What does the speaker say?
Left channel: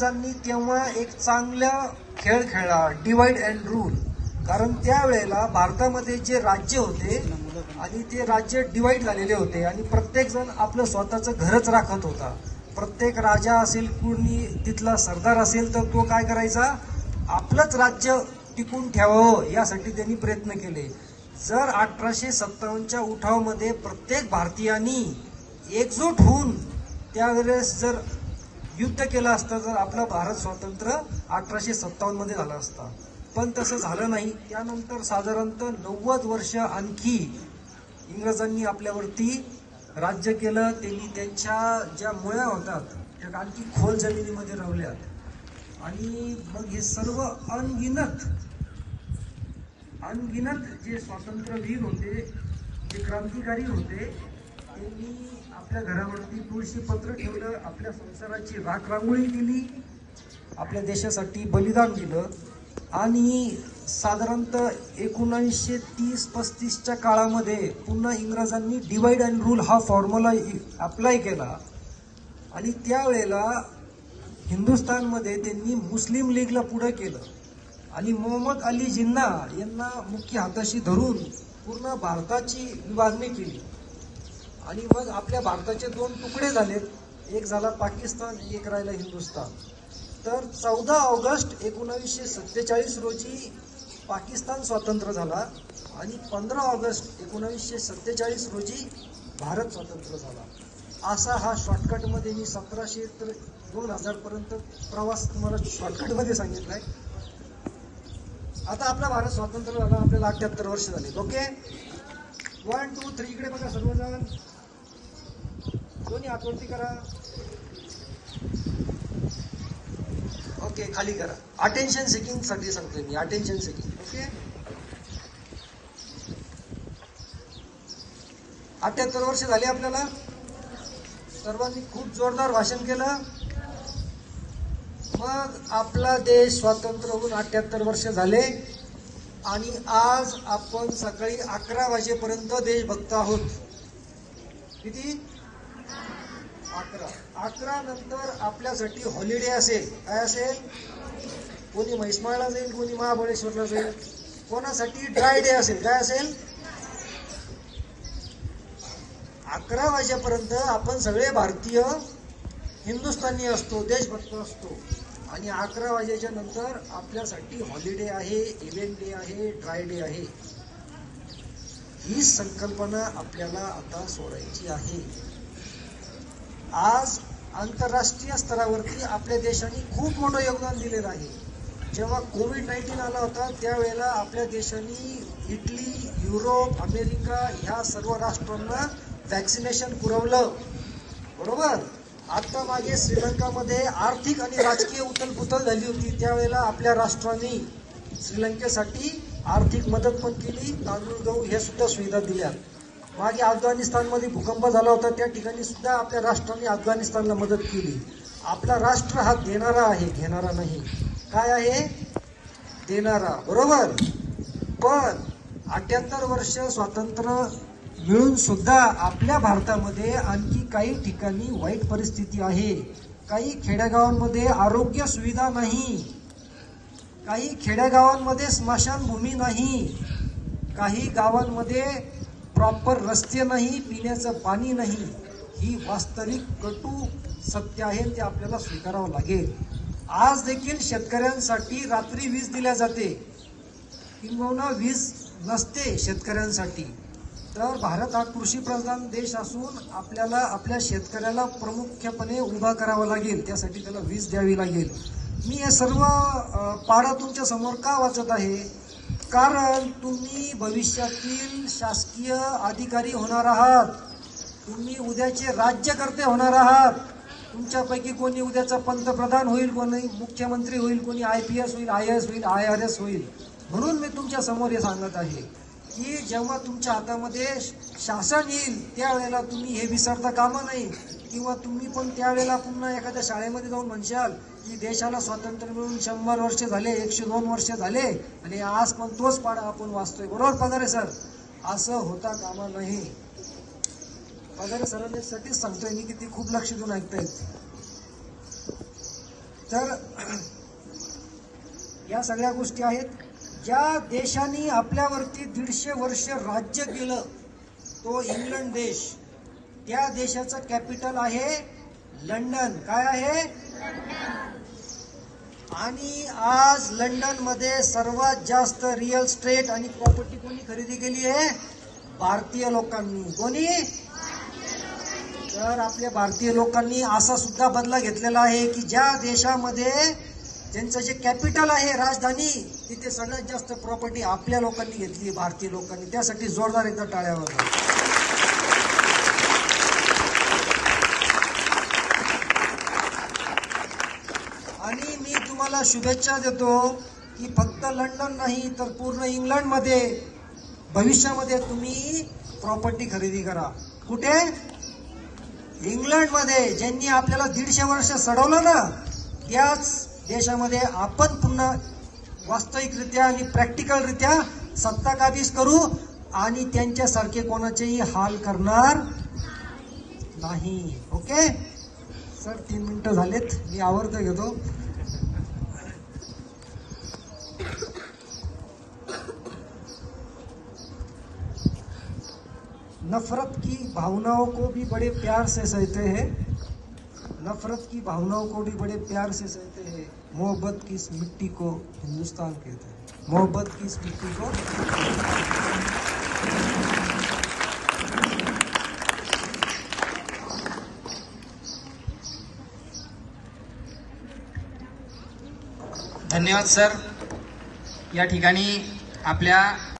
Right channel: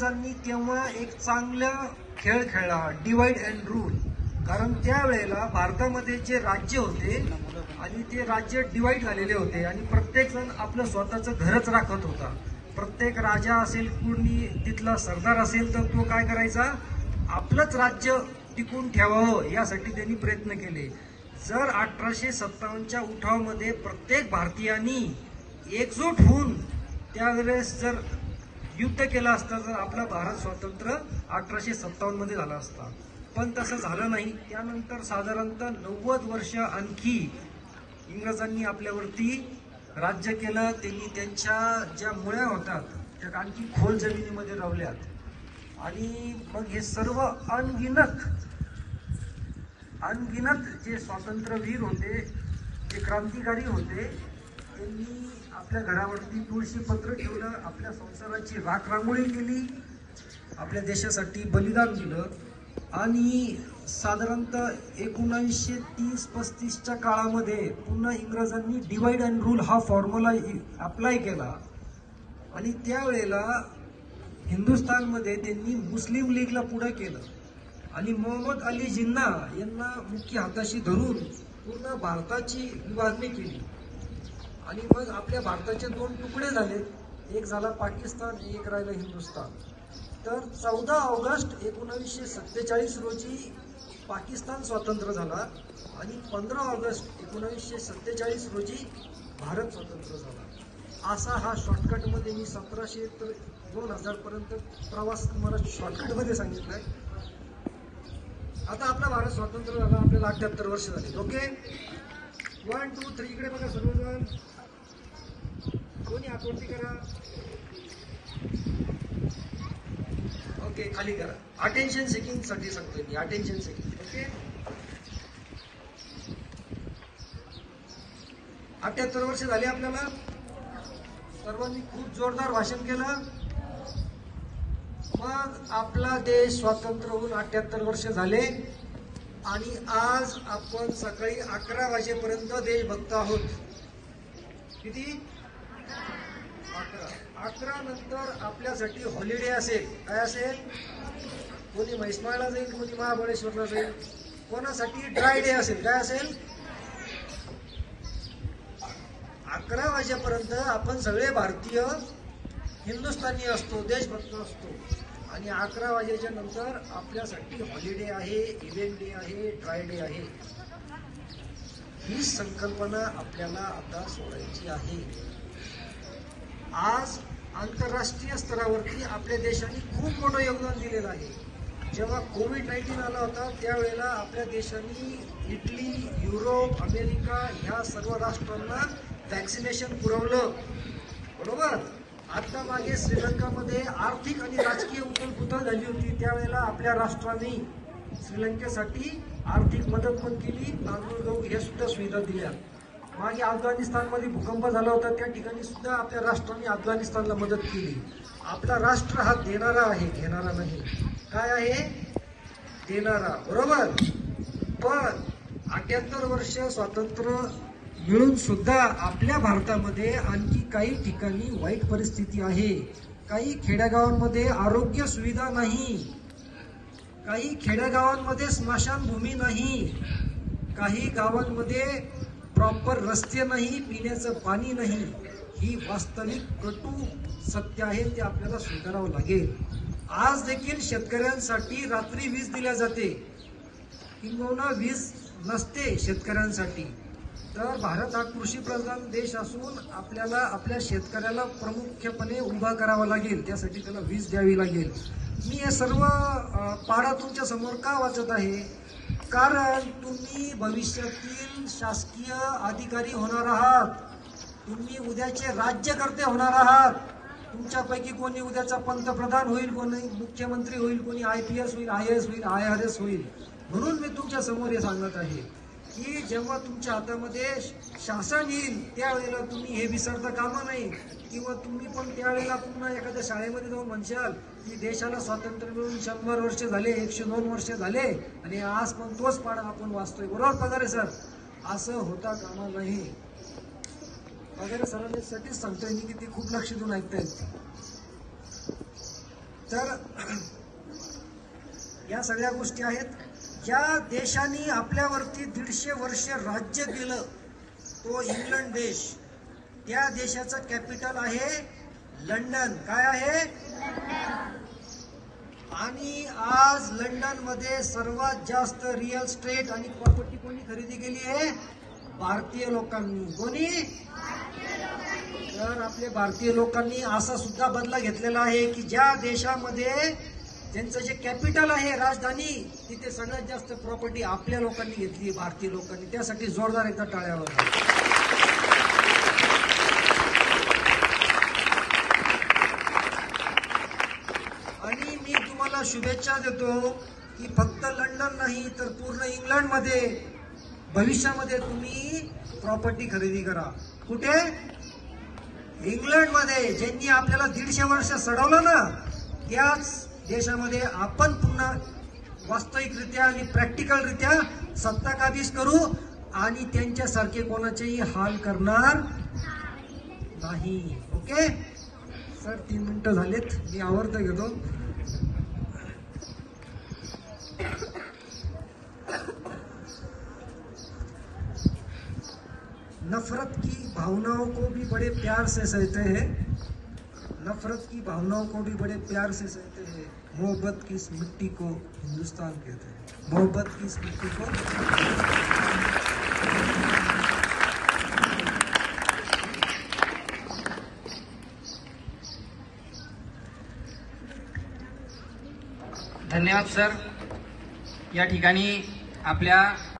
इंग्रजांनी तेव्हा एक चांगला खेळ खेळला, डिवाइड अँड रूल. कारण त्यावेळेला भारतामध्ये जे राज्य होते आणि ते राज्य डिवाइड झालेले होते आणि प्रत्येक जण आपलं स्वतःचं घरच राखत होता. प्रत्येक राजा असेल, कुणी तिथला सरदार असेल तर तो काय करायचा, आपलंच राज्य टिकून ठेवावं यासाठी त्यांनी प्रयत्न केले. जर 1857च्या उठावामध्ये प्रत्येक भारतीयांनी एकजूट होऊन त्यावेळेस जर युद्ध केलं असतं तर आपला भारत स्वतंत्र 1857 मध्ये झाला असता. पण तसं झालं नाही. त्यानंतर साधारणतः 90 वर्ष आणखी इंग्रजांनी आपल्यावरती राज्य केलं. त्यांनी त्यांच्या ज्या मुळ्या होतात त्या आणखी खोल जमिनीमध्ये रावल्यात आणि मग हे सर्व अनगिनत जे स्वातंत्र्यवीर होते, जे क्रांतिकारी होते, त्यांनी आपल्या घरावरती तुळशी पत्र ठेवलं, आपल्या संसाराची राखरांगोळी केली, आपल्या देशासाठी बलिदान दिलं. आणि साधारणतः 1930-35च्या काळामध्ये पुन्हा इंग्रजांनी डिवाइड अँड रूल हा फॉर्म्युला अप्लाय केला आणि त्यावेळेला हिंदुस्थानमध्ये त्यांनी मुस्लिम लीगला पुढे केलं आणि मोहम्मद अली जिन्ना यांना मुख्य हाताशी धरून पूर्ण भारताची विभागणी केली. आणि मग आपल्या भारताचे 2 तुकडे झाले, एक झाला पाकिस्तान, एक राहिला हिंदुस्थान. तर 14 ऑगस्ट 1947 रोजी पाकिस्तान स्वतंत्र झाला आणि 15 ऑगस्ट 1947 रोजी भारत स्वतंत्र झाला. असा हा शॉर्टकटमध्ये मी 1700 ते 2000 पर्यंत प्रवास तुम्हाला शॉर्टकटमध्ये सांगितलाय. आता आपला भारत स्वतंत्र झाला, आपल्याला 78 वर्ष झाली. ओके, 1 2 3 इकडे बघा सर्वजण, कोणी हातवरती करा. ओके, खाली करा. अटेन्शन सेकिंग साठी सांगतोय मी, अटेन्शन सेकिंग. ओके, 78 वर्ष झाली आपल्याला. सर्वांनी खूप जोरदार भाषण केलं. मग आपला देश स्वतंत्र होऊन 78 वर्ष झाले आणि आज आपण सकाळी 11 वाजेपर्यंत देश बघतो आहोत. किती? 11 नंतर आपल्यासाठी हॉलिडे असेल. काय असेल? कोणी म्हैसमाळला जाईल, कोणी महाबळेश्वरला जाईल, कोणासाठी ड्राय डे असेल. काय असेल? 11 वाजेपर्यंत आपण सगळे भारतीय हिंदुस्थानी असतो, देशभक्त असतो आणि 11 वाजेच्या नंतर आपल्यासाठी हॉलिडे आहे, इव्हेंट डे आहे, ड्राय डे आहे. ही संकल्पना आपल्याला आता सोडायची आहे. आज आंतरराष्ट्रीय स्तरावरती आपल्या देशाने खूप मोठं योगदान दिलेलं आहे. जेव्हा कोविड-19 आला होता त्यावेळेला आपल्या देशाने इटली, युरोप, अमेरिका ह्या सर्व राष्ट्रांना वॅक्सिनेशन पुरवलं. बरोबर. आता मागे श्रीलंकामध्ये आर्थिक आणि राजकीय उथलपुथल झाली होती. त्यावेळेला आपल्या राष्ट्राने श्रीलंकेसाठी आर्थिक मदत पण केली, तांदूळ गहू हे सुद्धा सुविधा दिल्या. मागे अफगाणिस्तानमध्ये भूकंप झाला होता, त्या ठिकाणी सुद्धा आपल्या राष्ट्राने अफगाणिस्तानला मदत केली. आपला राष्ट्र हा देणारा आहे, घेणारा नाही. काय आहे? देणारा. बरोबर. पण 78 वर्ष स्वातंत्र्य मिळून सुद्धा आपल्या भारतामध्ये आणखी काही ठिकाणी वाईट परिस्थिती आहे. काही खेड्यागावांमध्ये आरोग्य सुविधा नाही, काही खेड्यागावांमध्ये स्मशानभूमी नाही, काही गावांमध्ये प्रॉपर रस्ते नाही, पिण्याचं पाणी नाही. ही वास्तविक कटू सत्य आहे, ते आपल्याला स्वीकारावं लागेल. आज देखील शेतकऱ्यांसाठी रात्री वीज दिल्या जाते, किंबहुना वीज नसते शेतकऱ्यांसाठी. तर भारत हा कृषीप्रधान देश असून आपल्याला आपल्या शेतकऱ्याला प्रामुख्याने उभा करावा लागेल, त्यासाठी त्याला वीज द्यावी लागेल. मी हे सर्व पाढं तुमच्या समोर का वाचत आहे? कारण तुम्ही भविष्यातील शासकीय अधिकारी होणार आहात, तुम्ही उद्याचे राज्यकर्ते होणार आहात. तुमच्यापैकी कोणी उद्याचा पंतप्रधान होईल, कोणी मुख्यमंत्री होईल, कोणी IPS होईल, IAS होईल, IRS होईल. म्हणून मी तुमच्या समोर हे सांगत आहे की जेव्हा तुमच्या हातामध्ये शासन येईल त्यावेळेला तुम्ही हे विसरता कामा नये. किंवा तुम्ही पण त्यावेळेला पुन्हा एखाद्या शाळेमध्ये जाऊन म्हणशाल की देशाला स्वातंत्र्य मिळून 100 वर्ष झाले, 102 वर्ष झाले आणि आज पण तोच पाढा आपण वाचतोय. बरोबर पगारे सर? असं होता कामा नये. पगारे सरांसाठीच सांगतोय मी की ते खूप लक्ष देऊन ऐकतायत. तर या सगळ्या गोष्टी आहेत. ज्या देशाने आपल्यावरती 150 वर्ष राज्य केलं तो इंग्लंड देश. त्या देशाचं कॅपिटल आहे लंडन. काय आहे? आणि आज लंडन मध्ये सर्वात जास्त रिअल इस्टेट आणि प्रॉपर्टी कोणी खरेदी केली आहे? भारतीय लोकांनी. कोणी? तर आपल्या भारतीय लोकांनी असा सुद्धा बदला घेतलेला आहे की ज्या देशामध्ये ज्यांचं जे कॅपिटल आहे राजधानी, तिथे सगळ्यात जास्त प्रॉपर्टी आपल्या लोकांनी घेतली, भारतीय लोकांनी. त्यासाठी जोरदार एकदा टाळ्या वाजवा. आणि मी तुम्हाला शुभेच्छा देतो की फक्त लंडन नाही तर पूर्ण इंग्लंडमध्ये भविष्यामध्ये तुम्ही प्रॉपर्टी खरेदी करा. कुठे? इंग्लंडमध्ये. ज्यांनी आपल्याला 150 वर्ष सडवलं ना, त्याच देशामध्ये आपण पुन्हा वास्तविकरित्या आणि प्रॅक्टिकलरित्या सत्ता काबीज करू आणि त्यांच्यासारखे कोणाचेही हाल करणार नाही. ओके सर, 3 मिनिटं झालेत, मी आवर्त घेतो. नफरत की भावनाओं को भी बड़े प्यार से सहते हैं. नफरत की भावनाओं को भी बड़े प्यार से सहते हैं. मोहब्बत की इस मिट्टी को हिंदुस्तान कहते हैं. मोहब्बत की इस मिट्टी को. धन्यवाद सर. या ठिकाणी आपल्या